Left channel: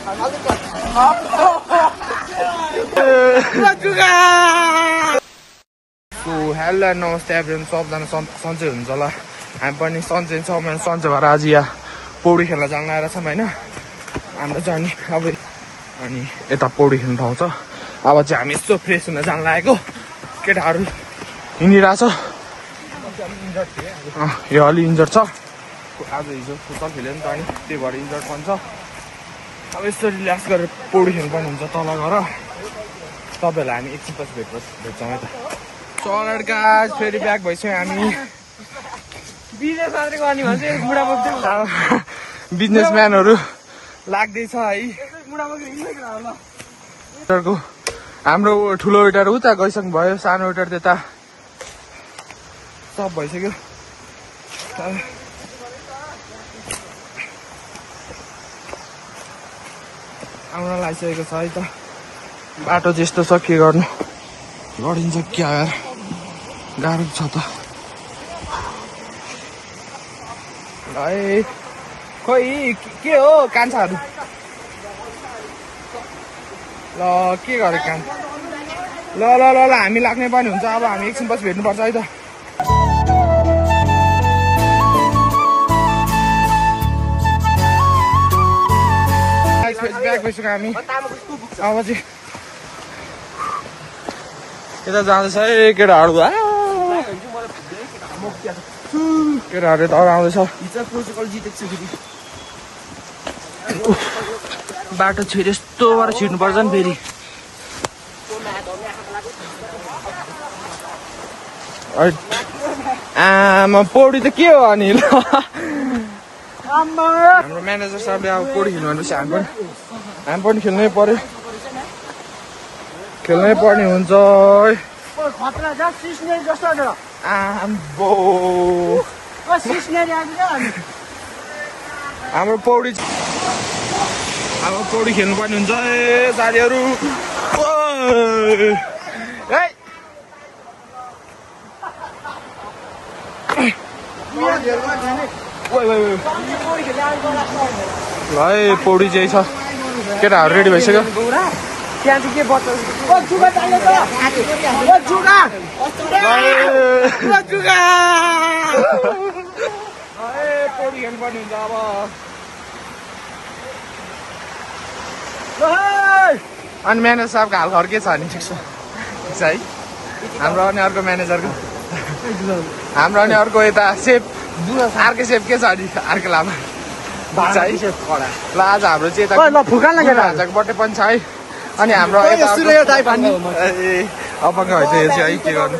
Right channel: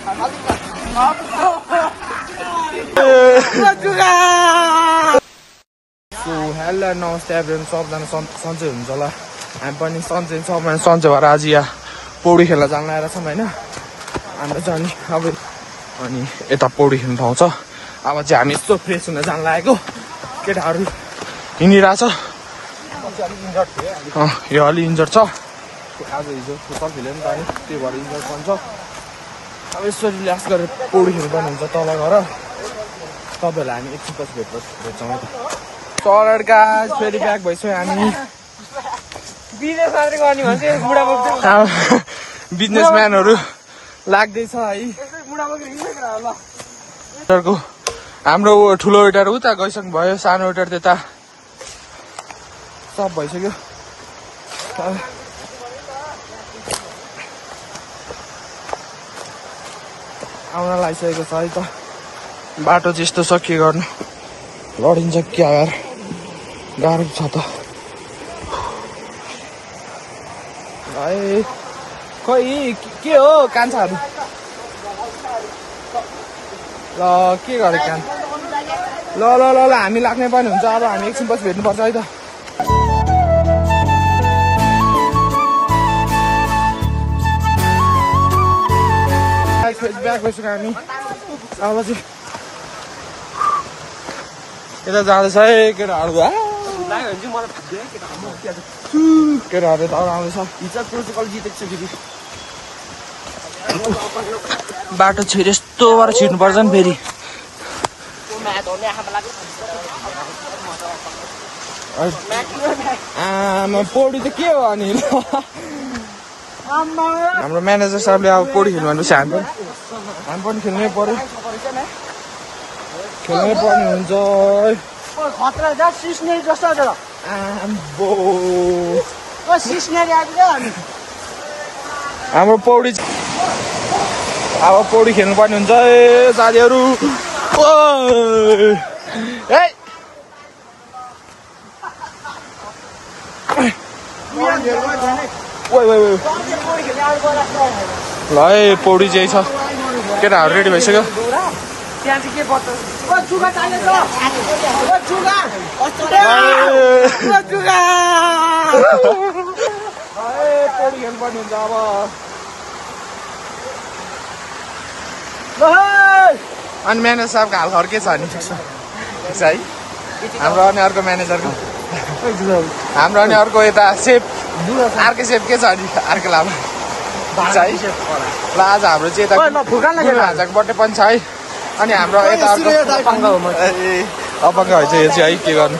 So hello नमस्ते everyone, सबजना सन्चै हुनुहुन्छ होला। हामी पनि सन्चै छ भने सन्चै भएर आज यहाँ पौडी खेल्न जान लागेर छौँ होइन। हाम्रो चाहिँ अब अनि यता पौडी खेल्ने ठाउँ छ। अब चाहिँ हामी यस्तो फ्रेस हुन जान लागेको। केटाहरू हिँडिरहेछ। यो अलि इन्जर्ड छ। आज हिजो फुटबल खेल्यो नि त अनि त्यही भएर इन्जर्ड पनि छ। अब यसो रिल्याक्स गरेर पौडी खेल्नु पनि हुन्छ तल गएर। तपाईँहरूलाई हामी एकछिनपछि भेट्छौँ है त। चलेर गाइस फेरि ब्याक भइसक्यो हामी। बिजनेसम्यानहरू लाग्दैछ है। हाम्रो ठुलो वेटर उता गइसक्नु भयो, सानो वेटर त्यता सब भइसक्यो। आउन लागिसकेको छ है त। बाटो चाहिँ यस्तो छ, के गर्नु, लडिन्छ क्या यार, गाह्रो छ त। है खोइ के हो कान्छाहरू, ल के गरे कान। ल ल ल ल हामी लाग्ने पनि हुन्छ। अब हामी एकछिनपछि भेट्नुपर्छ है त। ब्याक भइसक्यो हामी। अब चाहिँ यता जाँदैछ है केटाहरू। केटाहरू त आउँदैछ। बाटो छिर यस्तो भएर छिर्नुपर्छ नि फेरि। आमा पौडी त के हो अनि। हाम्रो म्यानेजर साहबले अब पौडी खेल्नु भनेपछि हामी पनि खेल्नै पर्यो। खेल्नै पर्ने हुन्छ। हाम्रो पौडी अब पौडी खेल्नु पर्ने हुन्छ है साथीहरू। ल है पौडी चाहिँ छ। केटाहरू रेडी भइसक्यो। पौडी खेल्नुपर्ने हुन्छ अब। अनि म्यानेजर साहबको हाल खर के छ नि, ठिक छ है। हाम्रो अनि अर्को म्यानेजरको, हाम्रो अनि अर्को यता सेफ अर्कै सेफ के छ अनि अर्को लामा ठिक छ है। ल आज हाम्रो चाहिँ यता गुरु हाजाको बर्थडे पनि छ है। अनि हाम्रो यता अर्को अपाङ्ग भइसक्यो यो चाहिँ है, के गर्नु।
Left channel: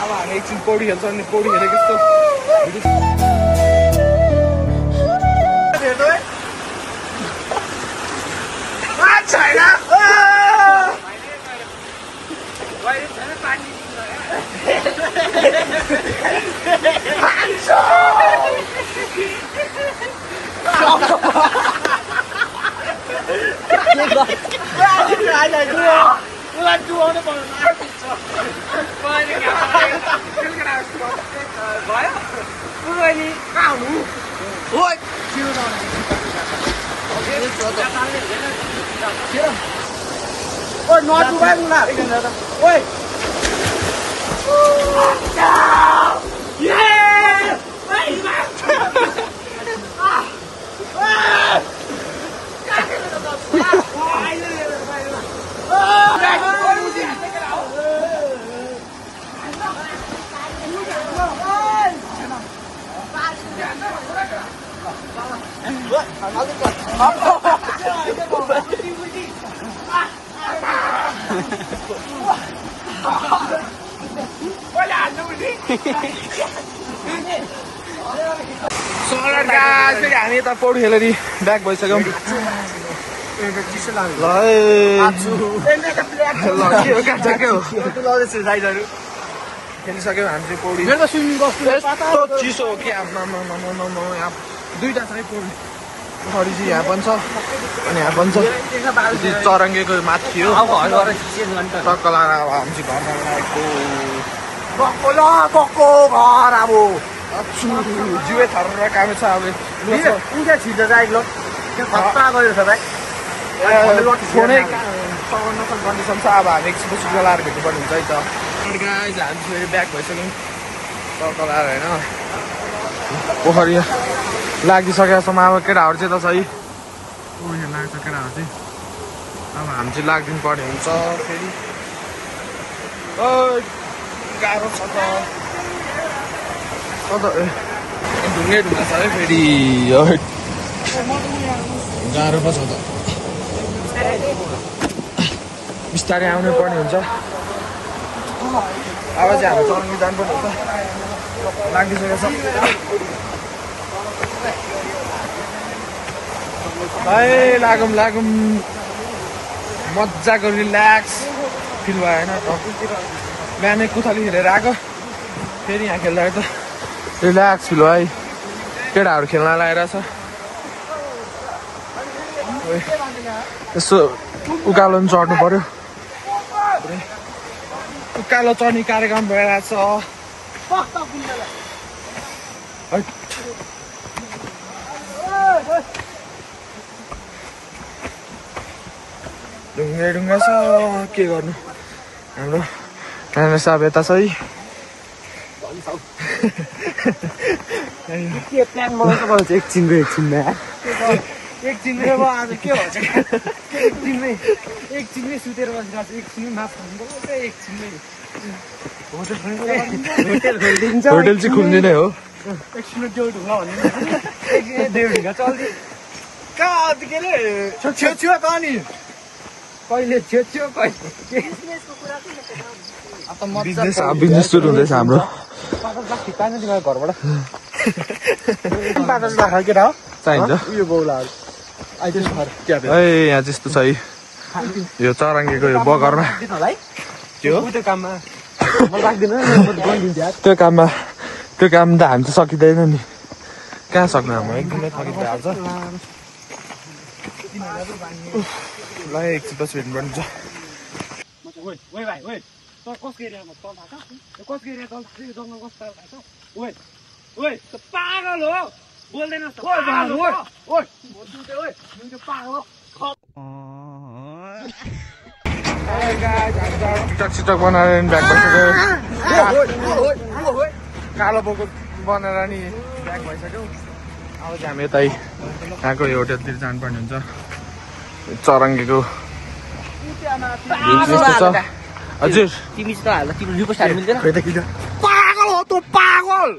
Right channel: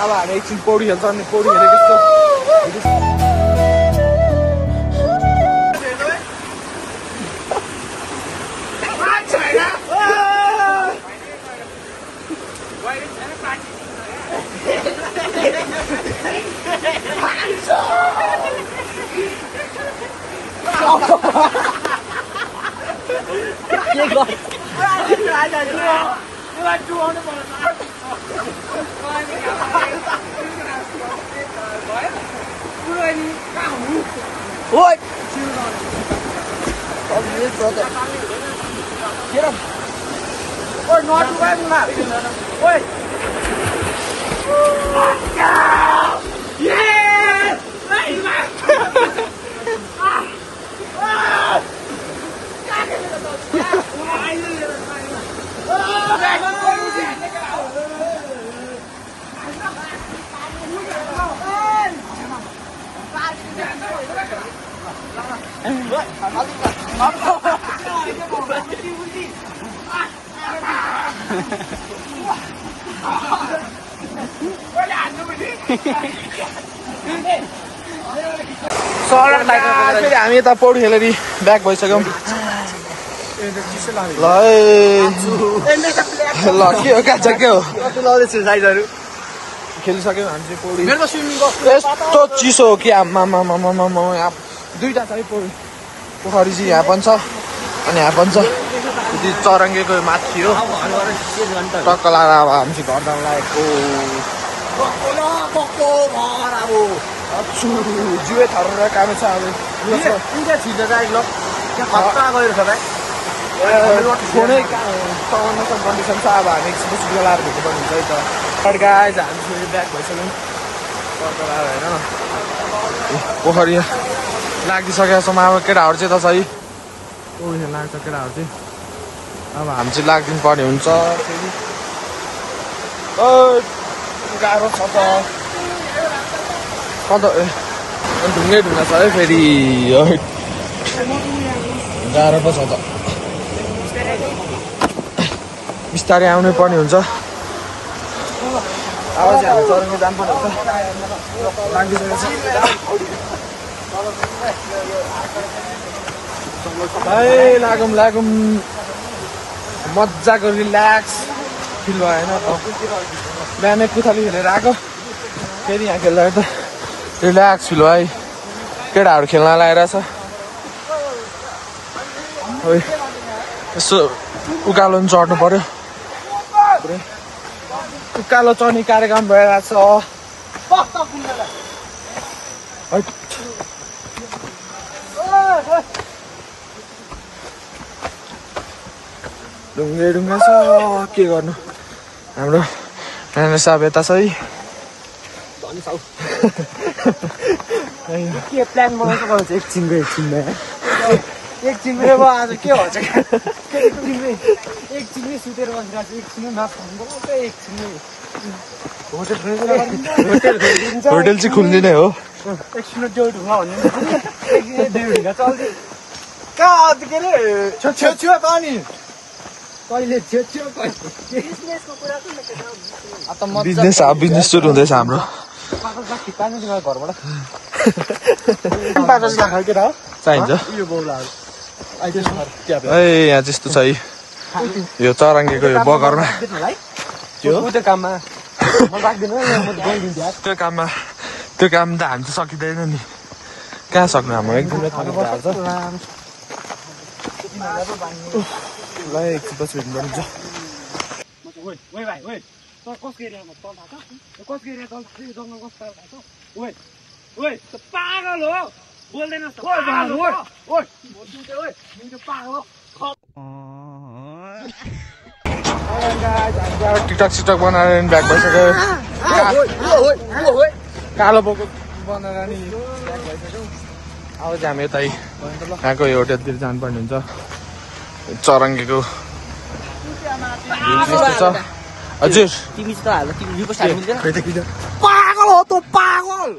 अब हामी एकछिन पौडी खेल्छ। अनि पौडी खेलेको यस्तो फेरि हामी यता पौडी खेलेर ब्याक भइसक्यौँ। ल के हो कान्छ के हो खेलिसक्यौँ हामी चाहिँ पौडी। यस्तो चिसो हो कि आमा यहाँ दुईवटा छ है पौडी। पोखरी चाहिँ यहाँ पनि छ अनि यहाँ पनि छ। चरङ्गेको माथि हो टक्क लगाएर अब हामी चाहिँ घर जान लागेको। घर अब जिउ थरेर काम छ। अब छिटो राइट ल खस्ता गयो छ भाइ फोनै नसँग कन्डिसन छ अब हामी एकछिन गलाएर भेट्नुपर्ने हुन्छ है त गाइज हामी फेरि ब्याक भइसक्यौँ तर्कलाएर होइन पोखरी लागिसकेको छौँ अब केटाहरू चाहिँ त सही उयो लाग्छ केटाहरू चाहिँ अब हामी चाहिँ लाग्दिनु पर्ने हुन्छ फेरि गाह्रो छ त ढुङ्गै ढुङ्गा छ है फेरि गाह्रो पो छ त बिस्तारै आउनै पर्ने हुन्छ अब चाहिँ हामी चरङ्गी जानुपर्ने हुन्छ लागिसकेको छ भाइ लागौँ मजाको रिल्याक्स फिल भयो होइन बिहानै पुथली खेलेर आएको फेरि यहाँ खेल्दा रिल्याक्स फिल भयो केटाहरू खेल्न लगाइरहेछ यसो उकालो पनि चढ्नु पर्यो उकालो चढ्ने कार्यक्रम भइरहेछ ढुङ्गा छ के गर्नु हाम्रो नाना साहब यता छ है के प्लान बनाउँछ एकछिनमै आज के हुन्छ एकछिनमै सुतेर बसिरहेको छु एकछिनमै माफ गर्नु एकछिनमै होटल चाहिँ खुल्ने नै हो एकछिन त्यो ढुङ्गा भन्नु ढुङ्गा चल्छ कहाँ के अरे छेउ त नि कहिले छेउ बिजनेस सुरु हुँदैछ हाम्रो चाहिन्छ ए यहाँ त्यस्तो छ है यो चरङ्गेको यो बगरमा त्यो काम त हामी त सकिँदैन नि कहाँ सक्नु हाम्रो एकदमै थकित भइहाल्छ ल एकछिन पछि भेट्नुपर्ने पागल हो बोल्दैन टिकटक सिटक बनाएर ब्याग भइसक्यो कालो बोको बनाएर नि ब्याग भइसक्यो अब चाहिँ हामी यतै यहाँको यो होटलतिर जानुपर्ने हुन्छ चरङ्गेको छ हजुर पागल हो त पागल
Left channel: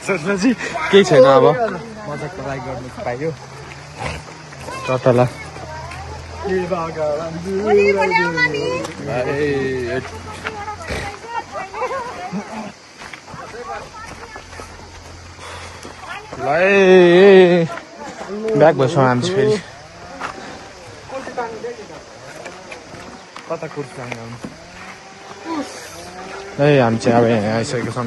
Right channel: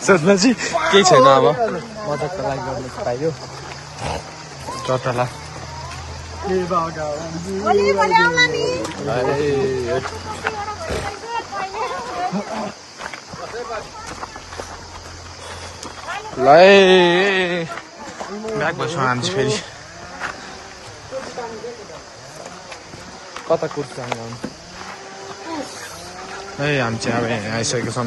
सोच्नुहोस् केही छैन अब मजाको लागि गर्नु पाइयो कतालाई ब्याग भएछौँ हामी चाहिँ फेरि कता कुर्ती जानु आउनु है हामी चाहिँ अब यहाँ आइसकेको छौँ